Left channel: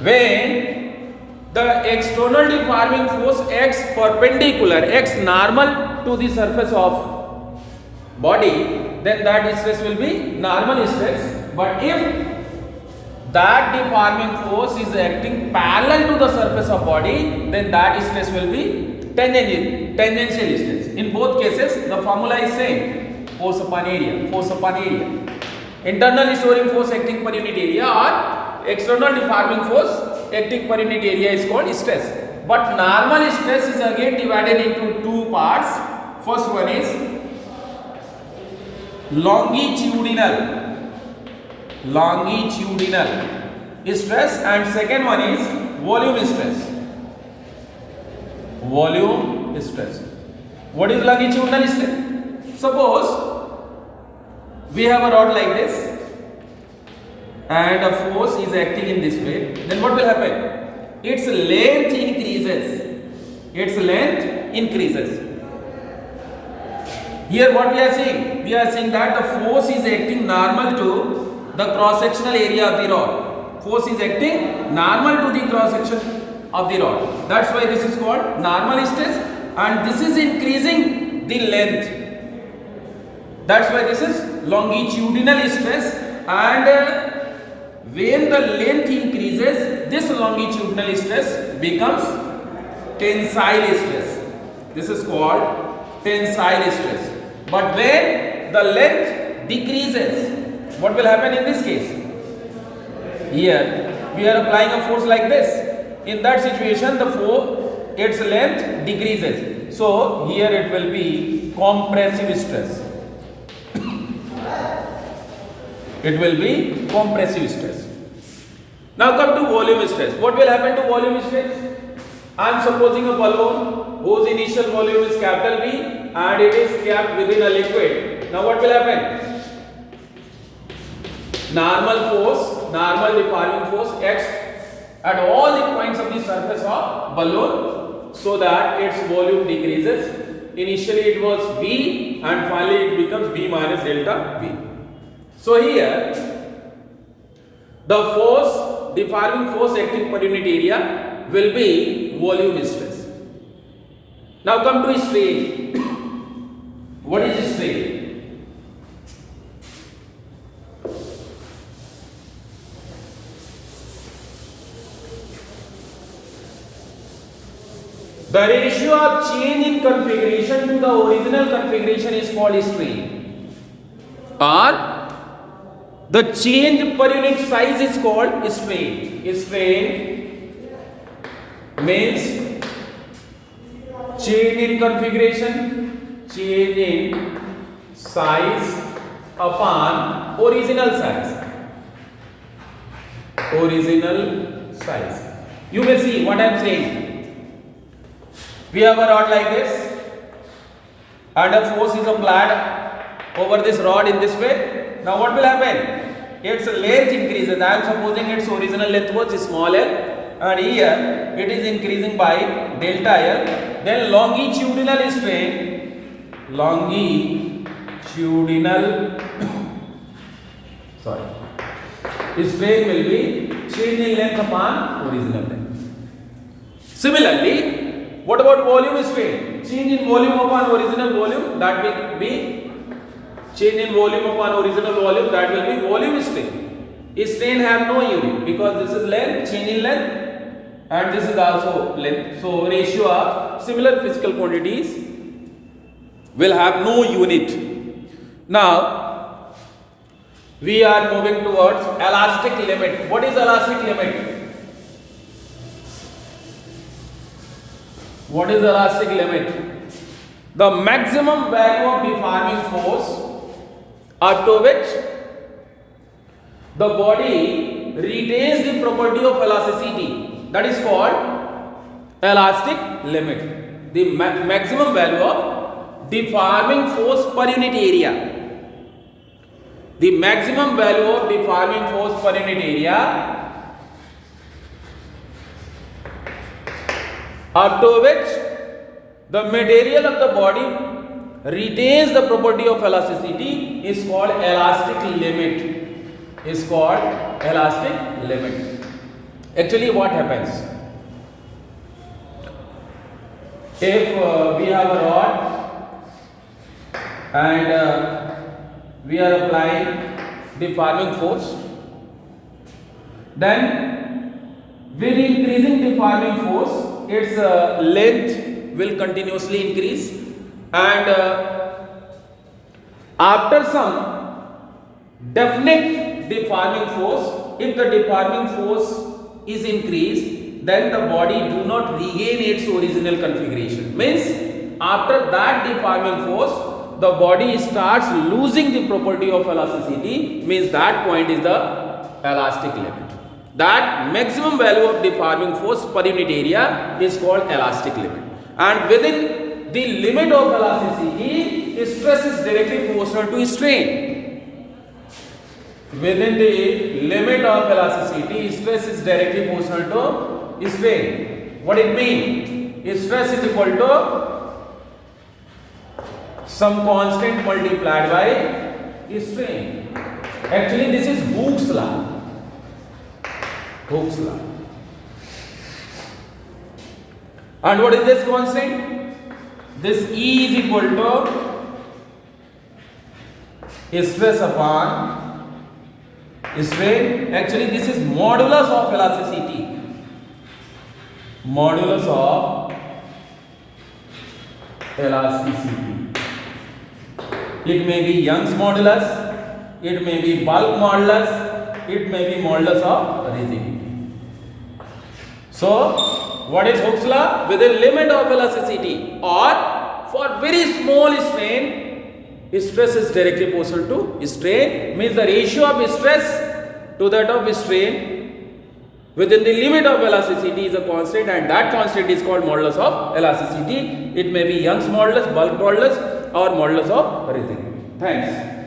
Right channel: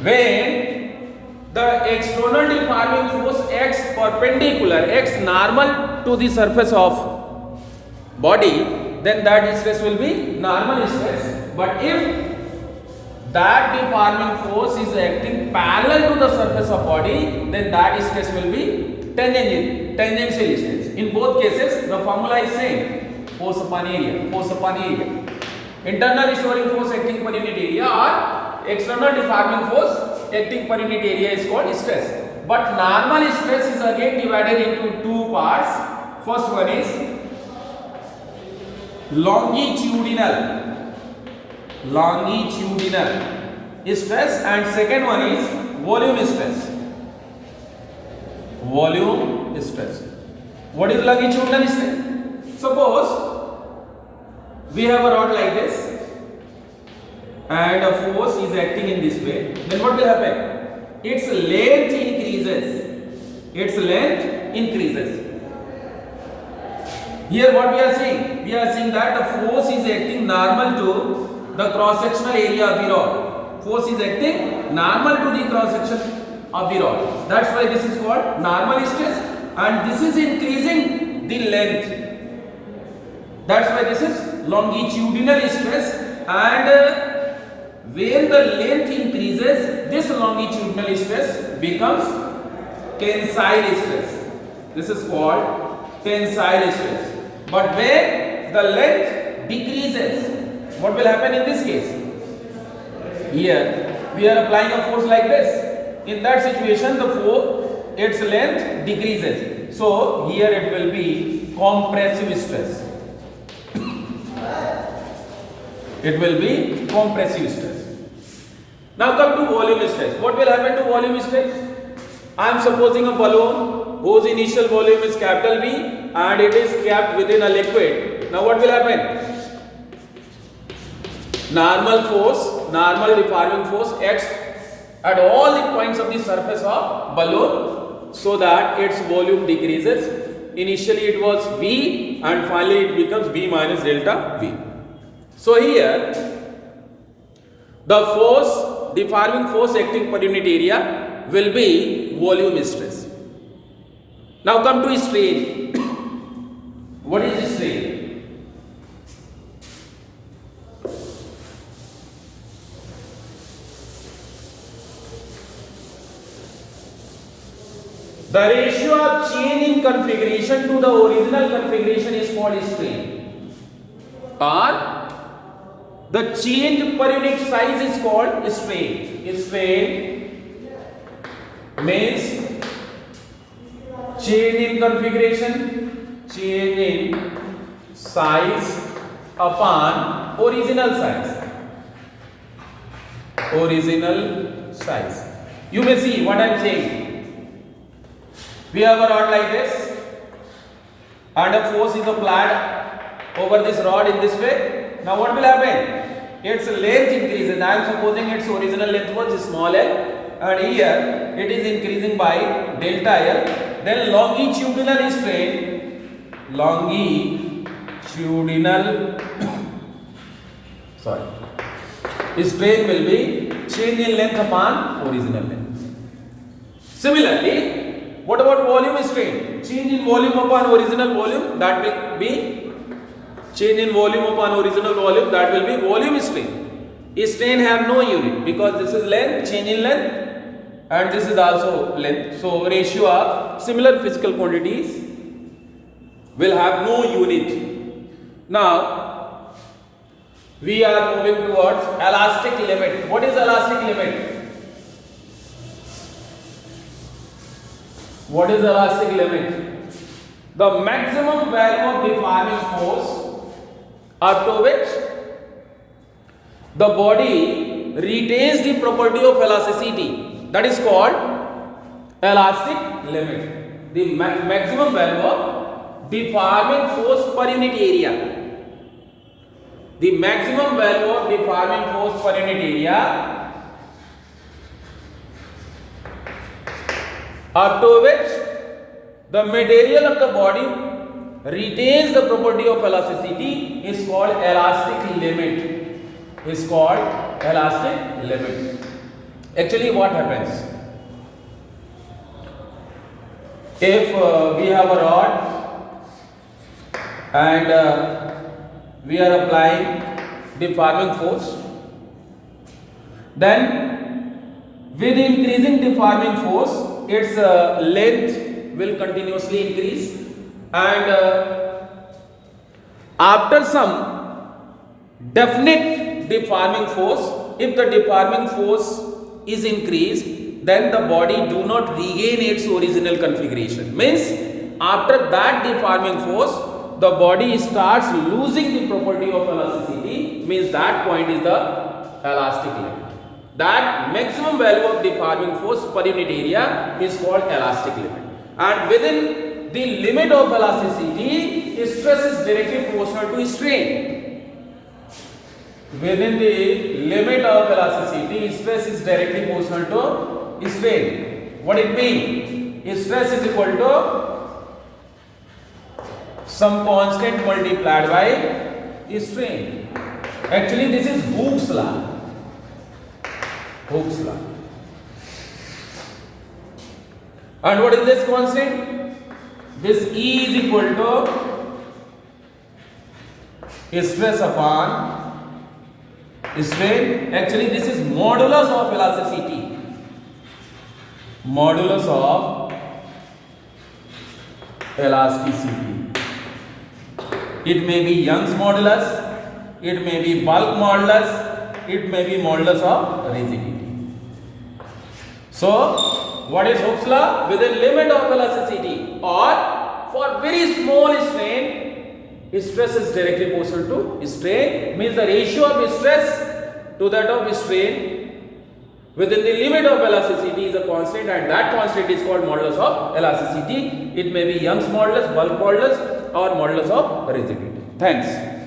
when the external deforming force acts perpendicular, acts normal to the surface of body, then that stress will be normal stress. But if that deforming force is acting parallel to the surface of body, then that stress will be tangential stress. In both cases, the formula is same: force upon area, force upon area. Internal storing force acting per unit area or external deforming force acting per unit area is called stress. But normal stress is again divided into two parts. First one is longitudinal stress, and second one is volume stress. What is longitudinal stress? Suppose we have a rod like this and a force is acting in this way, then what will happen? Its length increases. Here what we are seeing? We are seeing that the force is acting normal to the cross-sectional area of the rod. Force is acting normal to the cross-section of the rod. That's why this is called normal stress, and this is increasing the length. That's why this is longitudinal stress, and when the length increases, this longitudinal stress becomes tensile stress. This is called tensile stress. But when the length decreases, what will happen in this case? Here we are applying a force like this. In that situation, the force, its length decreases. So here it will be compressive stress. It will be compressive stress. Now come to volume stress. What will happen to volume stress? I am supposing a balloon whose initial volume is capital V and it is kept within a liquid. Now what will happen? Normal deforming force acts at all the points of the surface of balloon so that its volume decreases. Initially it was V and finally it becomes V minus delta V. So here the deforming force acting per unit area will be volume stress. Now come to strain. What is strain? The ratio of change in configuration to the original configuration is called strain, or the change per unit size is called strain. Strain means change in configuration, change in size upon original size. You may see what I am saying. We have a rod like this and a force is applied over this rod in this way. Now what will happen? Its length increases. I am supposing its original length was small l, and here it is increasing by delta l. Then longitudinal strain will be change in length upon original length. Similarly, what about volume strain? Change in volume upon original volume, that will be change in volume upon original volume, that will be volume strain. Strain have no unit because this is length, change in length, and this is also length. So ratio of similar physical quantities will have no unit. Now we are moving towards elastic limit. What is elastic limit? What is elastic limit? The maximum value of deforming force up to which the body retains the property of elasticity, that is called elastic limit. The maximum value of deforming force per unit area. The maximum value of deforming force per unit area up to which the material of the body retains the property of elasticity is called elastic limit. Actually, what happens? If we have a rod and we are applying deforming force, then with increasing deforming force, its length will continuously increase, and after some definite deforming force, if the deforming force is increased, then the body do not regain its original configuration. Means after that deforming force, the body starts losing the property of elasticity. Means that point is the elastic limit. That maximum value of deforming force per unit area is called elastic limit. And within the limit of elasticity, stress is directly proportional to strain. Within the limit of elasticity, stress is directly proportional to strain. What it means? Stress is equal to some constant multiplied by strain. Actually, this is Hooke's law. Hooke's law. And what is this constant? This E is equal to stress upon strain. Actually, this is modulus of elasticity. Modulus of elasticity. It may be Young's modulus, it may be bulk modulus, it may be modulus of rigidity. So, what is Hooke's law? Within limit of elasticity or for very small strain, stress is directly proportional to strain. Means the ratio of stress to that of strain within the limit of elasticity is a constant, and that constant is called modulus of elasticity. It may be Young's modulus, bulk modulus, or modulus of rigidity. Thanks.